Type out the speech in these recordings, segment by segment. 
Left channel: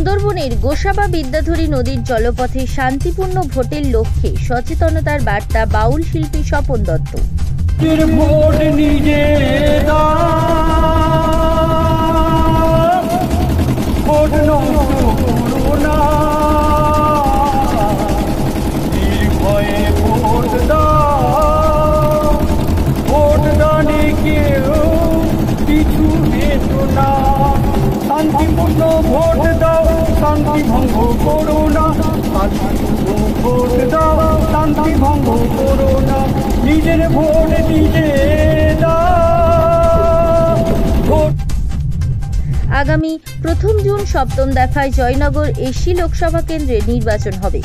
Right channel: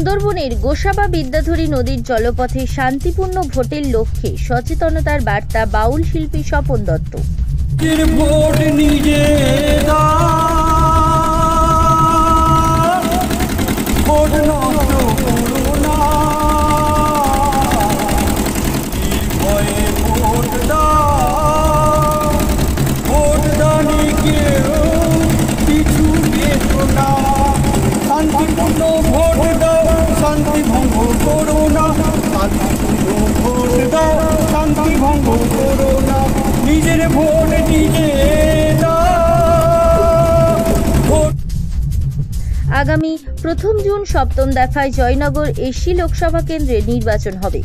সুন্দরবনের গোসাবা বিদ্যাধরী নদীর জলপথে শান্তিপূর্ণ ভোটের লক্ষ্যে সচেতনতার বার্তা বাউল শিল্পী স্বপন দত্ত। শান্তিপূর্ণ ভোট দাও, শান্তি ভঙ্গ করো না। শান্তিপূর্ণ ভোট দাও, শান্তি ভঙ্গ করো না। নিজের ভোট নিজে দাও। আগামী 1 জুন সপ্তম দফায় জয়নগর এসি লোকসভা কেন্দ্রে নির্বাচন হবে।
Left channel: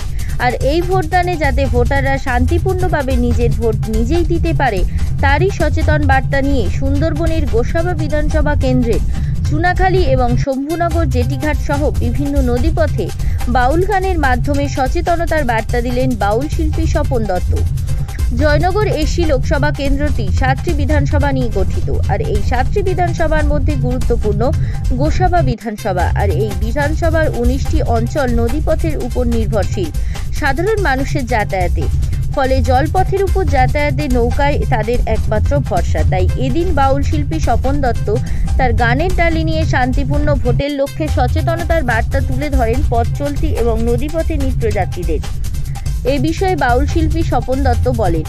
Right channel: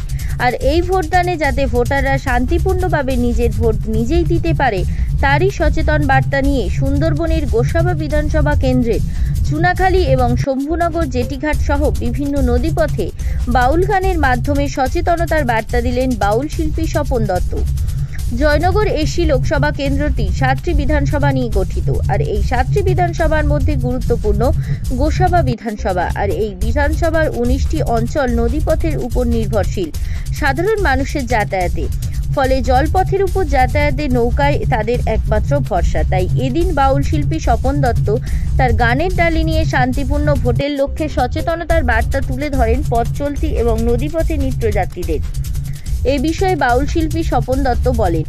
আর এই ভোটদানে যাতে ভোটাররা শান্তিপূর্ণভাবে নিজের ভোট নিজেই দিতে পারে তারই সচেতন বার্তা নিয়ে সুন্দরবনের গোসাবা বিধানসভা কেন্দ্রের চুনাখালী এবং শম্ভুনগর জেটিঘাট সহ বিভিন্ন নদীপথে বাউল গানের মাধ্যমে সচেতনতার বার্তা দিলেন বাউল শিল্পী স্বপন দত্ত। জয়নগর এসি লোকসভা কেন্দ্রটি 7টি বিধানসভা নিয়ে গঠিত। আর এই 7টি বিধানসভার মধ্যে গুরুত্বপূর্ণ গোসাবা বিধানসভা। আর এই বিধানসভার 19টি অঞ্চল নদীপথের উপর নির্ভরশীল সাধারণ মানুষের যাতায়াতে, ফলে জলপথের উপর যাতায়াতে নৌকায় তাদের একমাত্র ভরসা। তাই এদিন বাউল শিল্পী স্বপন দত্ত তার গানের ডালি নিয়ে শান্তিপূর্ণ ভোটের লক্ষ্যে সচেতনতার বার্তা তুলে ধরেন পথ চলতি এবং নদীপথে নিত্যযাত্রীদের। এই বিষয়ে বাউল শিল্পী স্বপন দত্ত বলেন,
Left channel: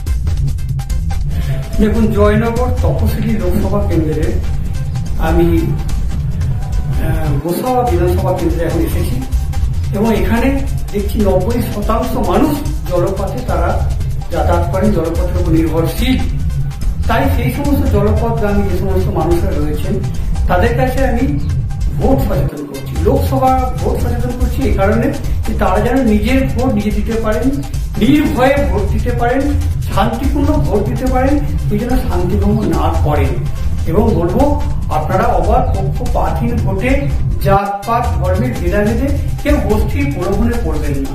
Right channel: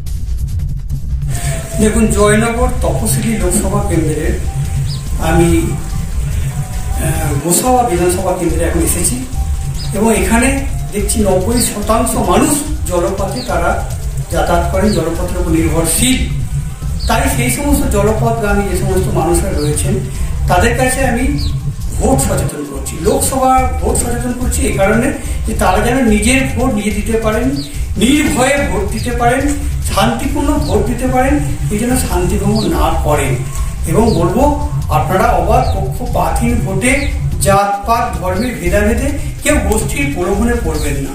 দেখুন, জয়নগর তপশিলি লোকসভা কেন্দ্রে আমি গোসাবা বিধানসভা কেন্দ্রে এখন এসেছি এবং এখানে দেখছি 90% মানুষ জলপথে তারা যাতায়াত করেন, জলপথের উপর নির্ভরশীল। তাই সেই সমস্ত জলপথগামী যে সমস্ত মানুষরা রয়েছেন তাদের কাছে আমি ভোট সচেতন করছি, লোকসভা ভোট সচেতন করছি এই কারণে যে তারা যেন নিজের ভোট নিজে দিতে পারেন, নির্ভয়ে ভোট দিতে পারেন, শান্তিপূর্ণ ভোট দিতে পারেন, এই জন্য শান্তিভঙ্গ না করেন। এবং বলবো, আপনারা অবাধ পক্ষপাতহীন ভোটে জাতপাত ধর্মের ভেদাভেদে কেউ গোষ্ঠীর প্রলোভনে পড়বেন না।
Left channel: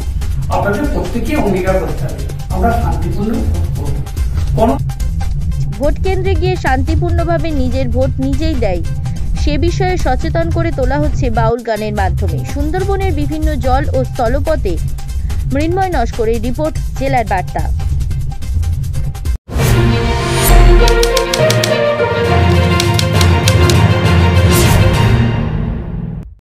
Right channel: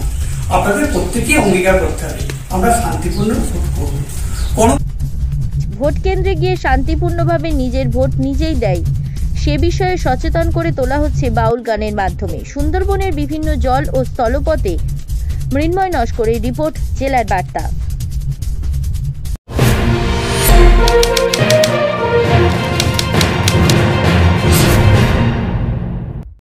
আপনাদের প্রত্যেকেই অঙ্গীকার করতে হবে আমরা শান্তিপূর্ণ ভোট করব। ভোট কেন্দ্রে গিয়ে শান্তিপূর্ণভাবে নিজের ভোট নিজেই দেয় সে বিষয়ে সচেতন করে তোলা হচ্ছে বাউল গানের মাধ্যমে। সুন্দরবনের বিভিন্ন জল ও স্থলপথে মৃন্ময় নস্করের রিপোর্ট, জেলার বার্তা।